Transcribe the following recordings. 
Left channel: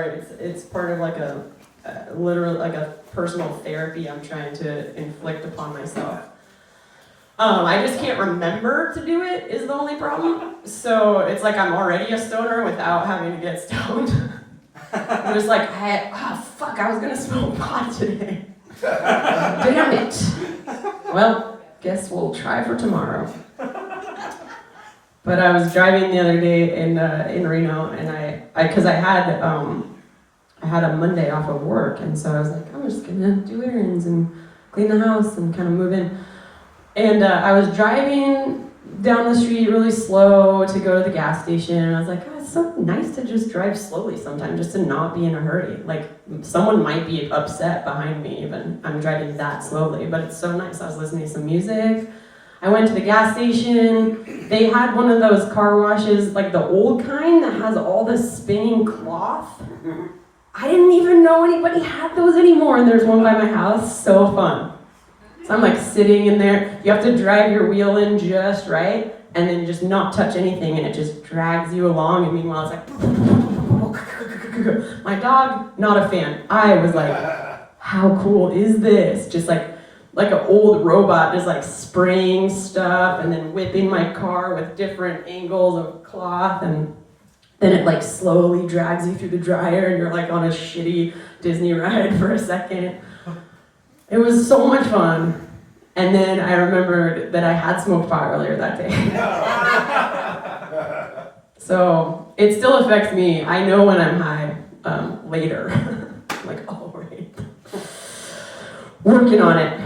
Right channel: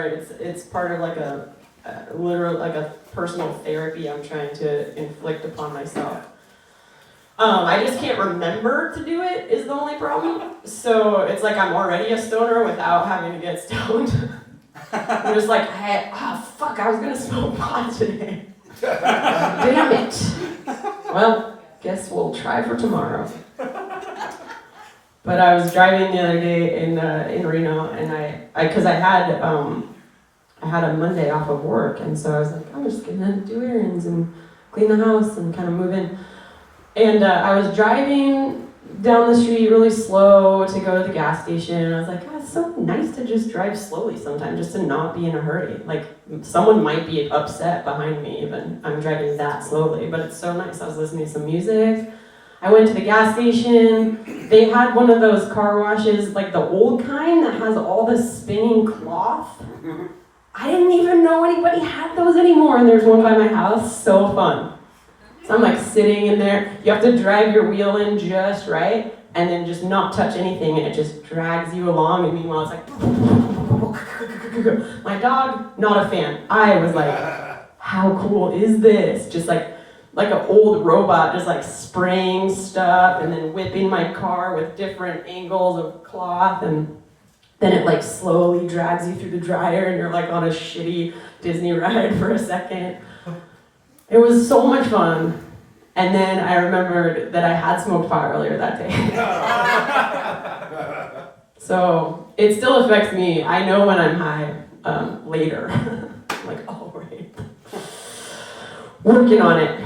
It's part of like a literal, like a personal therapy I'm trying to inflict upon myself. I just can't remember to do it is the only problem. So it's like I'm already a stoner without having to get stoned. I'm just like, fuck, I was gonna smoke pot today. Damn it. Well, guess we'll try for tomorrow. But I was driving the other day in Reno, and I had a Monday off of work, and so I was like, I'm just gonna do errands and clean the house and kind of move in. And I was driving down the street really slow to go to the gas station, and I was like, oh, it's so nice to just drive slowly sometimes, just to not be in a hurry. Like, someone might be upset behind me even. I'm driving that slowly, but it's so nice. I was listening to some music. I went to the gas station. They had one of those car washes, like the old kind that has all this spinning cloth. I didn't even know anybody had those anymore, and there's one by my house. So fun. So I'm like sitting in there. You have to drive your wheel in just right, and then just not touch anything, and it just drags you along. And meanwhile, it's like, my dog, not a fan. I was like, how cool is this? Just like an old robot, just like spraying stuff, and then whipping my car with different angles of cloth, and then it like slowly drags you through the dryer, and you're like on a shitty Disney ride for a second. It was so much fun. And then I remembered that I had smoked pot earlier that day. So it still affects me. I know when I'm high later. I'm like, oh, right. Working on it.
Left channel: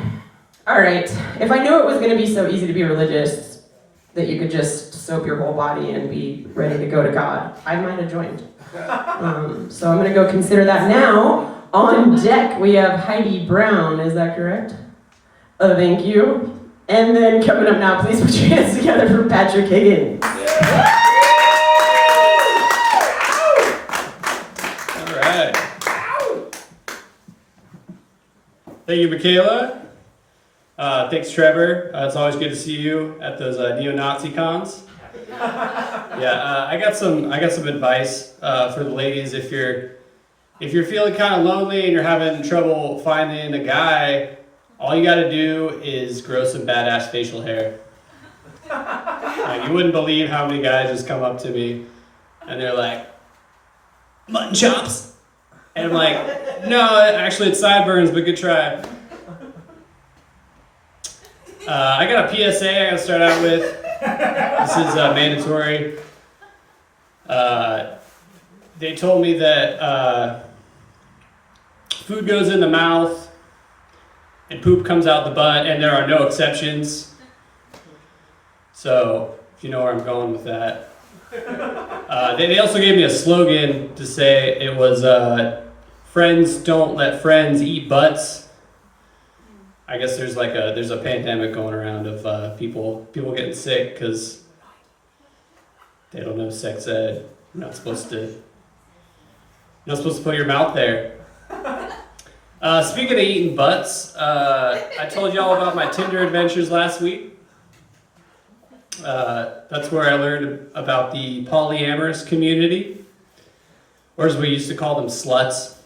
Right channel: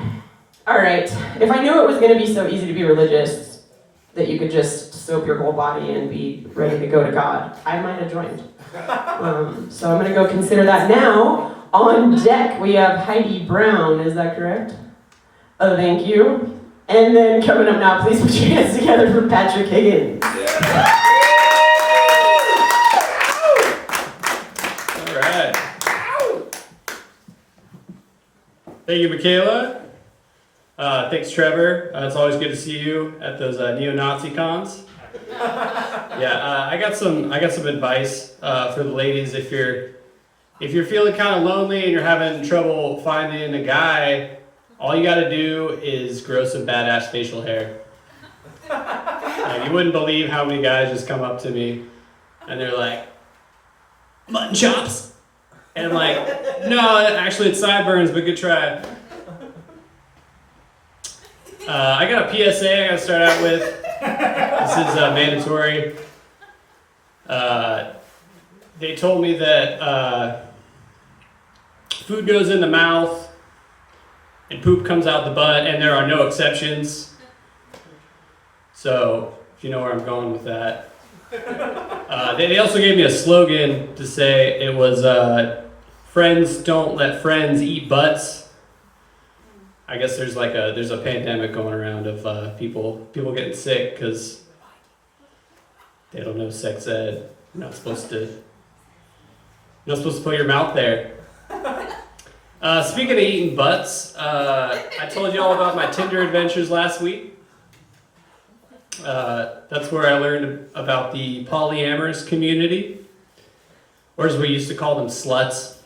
All right. If I knew it was going to be so easy to be religious that you could just soap your whole body and be ready to go to God, I might have joined. So I'm going to go consider that now. On deck, we have Heidi Brown. Is that correct? Oh, thank you. And then coming up now, please put your hands together for Patrick Higgins. All right. Thank you, Michaela. Thanks, Trevor. It's always good to see you at those neo-Nazi cons. Yeah, I got some advice for the ladies. If you're feeling kind of lonely and you're having trouble finding a guy, all you got to do is grow some badass facial hair. Like, you wouldn't believe how many guys just come up to me and they're like, mutton chops. And I'm like, no, actually it's sideburns, but good try. I got a PSA I gotta start out with. This is mandatory. They told me that food goes in the mouth and poop comes out the butt, and there are no exceptions. So, you know where I'm going with that. They also gave me a slogan to say. It was, friends don't let friends eat butts. I guess there's a pandemic going around of people getting sick because they don't know sex ed. You're not supposed to put your mouth there. Speaking of eating butts, I told you all about my Tinder adventures last week. That's where I learned about the polyamorous community, or as we used to call them, sluts.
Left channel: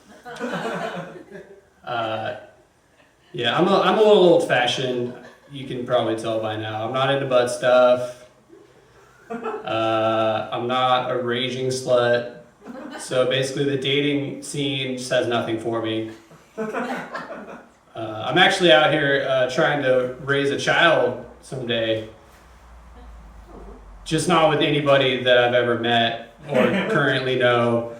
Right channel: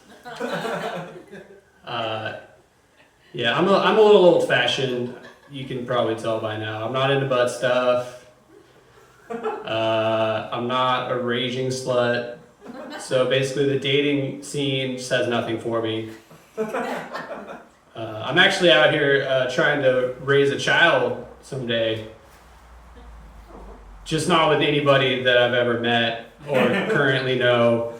Yeah, I'm a little old-fashioned. You can probably tell by now. I'm not into butt stuff. I'm not a raging slut. So basically, the dating scene just has nothing for me. I'm actually out here trying to raise a child someday. Just not with anybody that I've ever met or currently know.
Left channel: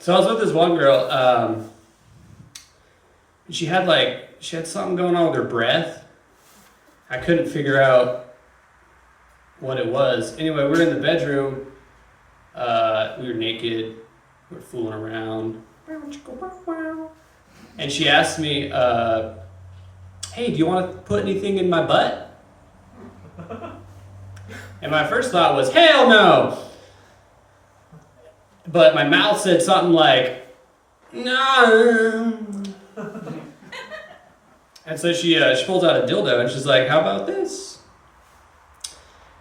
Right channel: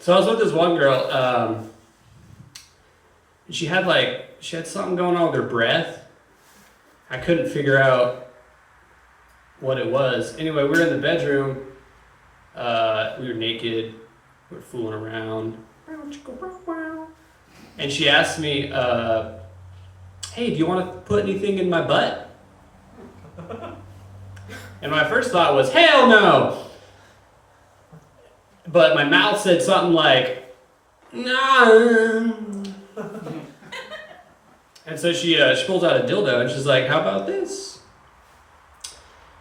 So I was with this one girl. She had something going on with her breath. I couldn't figure out what it was. Anyway, we were in the bedroom. We were naked. We were fooling around. And she asked me, hey, do you want to put anything in my butt? And my first thought was, hell no! But my mouth said something like, no. And so she pulls out a dildo and she's like, how about this?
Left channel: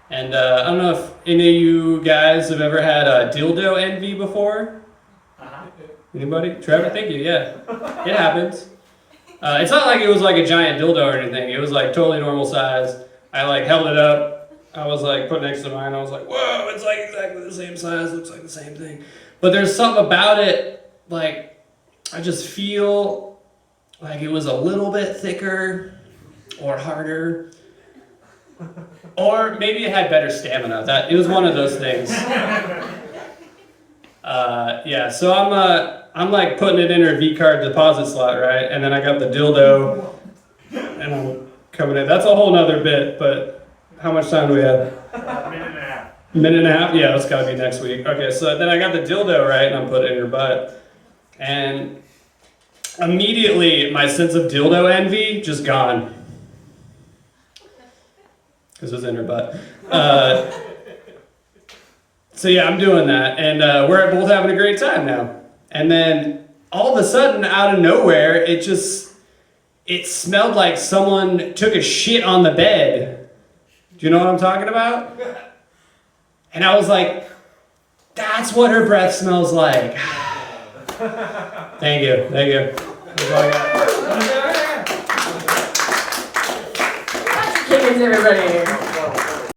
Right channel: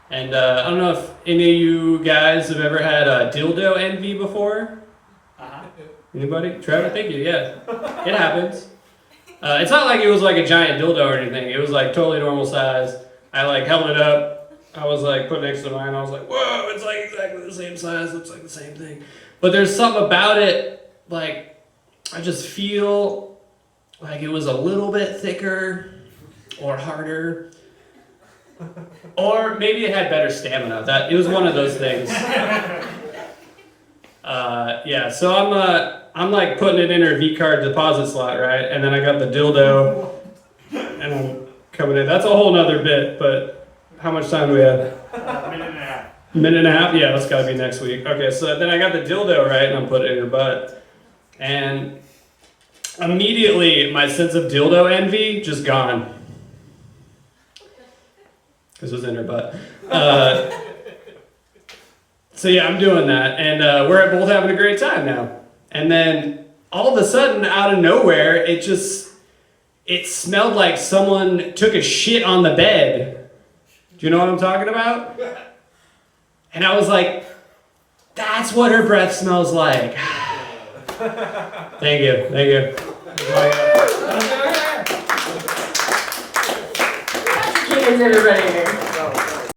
And I don't know if any of you guys have ever had dildo envy before. Anybody? Trevor, thank you. Yeah, it happens. It's not like it was like a giant dildo or anything. It was like totally normal size. I like held it up. I was like put next to mine. I was like, whoa, it's like exactly the same size. Looks like the same thing. But there's something about it, like I just feel like it was a little bit thicker or harder. Or maybe it had better stamina. That it was one of those things. Yeah, so I'm like putting it in her V-card deposit slot, right? And then I got the dildo, and I'm coming in. That's a whole nother bit, but how much time do we have? Minute and a half. Minute and a half? Yeah, that's gotta be next week. Okay, so then I got the dildo, right? And I'm putting it in her butt. And immediately my sense of dildo envy just gone. Because it was in her butt. So yeah, I'm doing that, and we're both having a great time now. And then all of a sudden, out of nowhere, it smelled like someone took a shit on the bed. Do you know what I'm talking about? And I was like, that's what her breath smells like. Thank you. Kittens, everybody.